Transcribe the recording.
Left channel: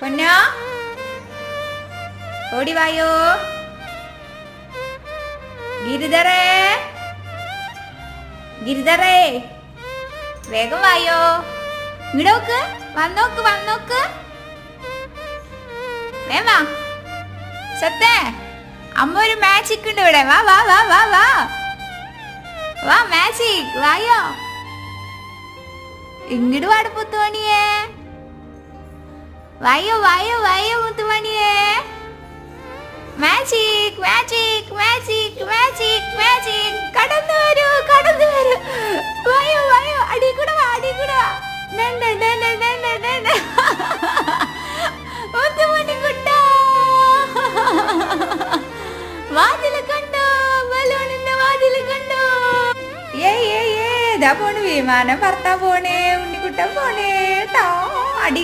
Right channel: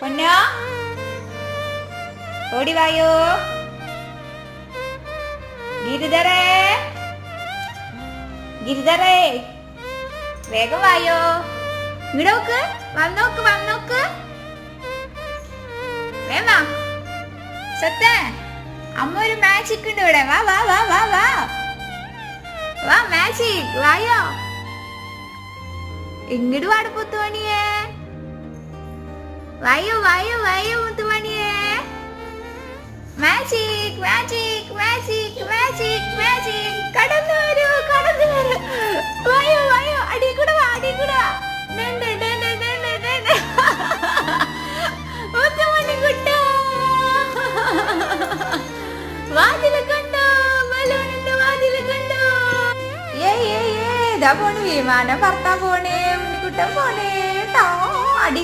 പൊന്നോ ഓടി വായോ. ഗിരിധറേ ഗിരിധറേ വേഗം വായോ. ഇങ്ങോട്ട് നോക്ക്, വന്നോക്ക് വന്നോക്ക്. വേവാ സത്തേ, അമ്മ ഒരു മാജിക് ഉണ്ട് ഇവിടെ. വാ വാ വാ വാ വാ വാ മാജിക് വായോ. ഇങ്ങോട്ട് വാട് മുത്തുമണിയേ. വായോ വായോ വായോ മുത്തുമണിയേ. Magic magic magic magic magic. കടന്നു വരൂ കടന്നു വരൂ. വായോ വായോ, അടി കൂടെ വാ അടി കൂടെ വാ. മുത്തുമണി കുട്ടാ, വാതില് കണ്ടോ, ബലൂണിന്റെ വാതില് കണ്ടോ. ഏ ഇതാ പോണു വിമാനം പറത്താൻ പോണേ, ഉണ്ണിക്കുട്ടൻ പോണേ. അടി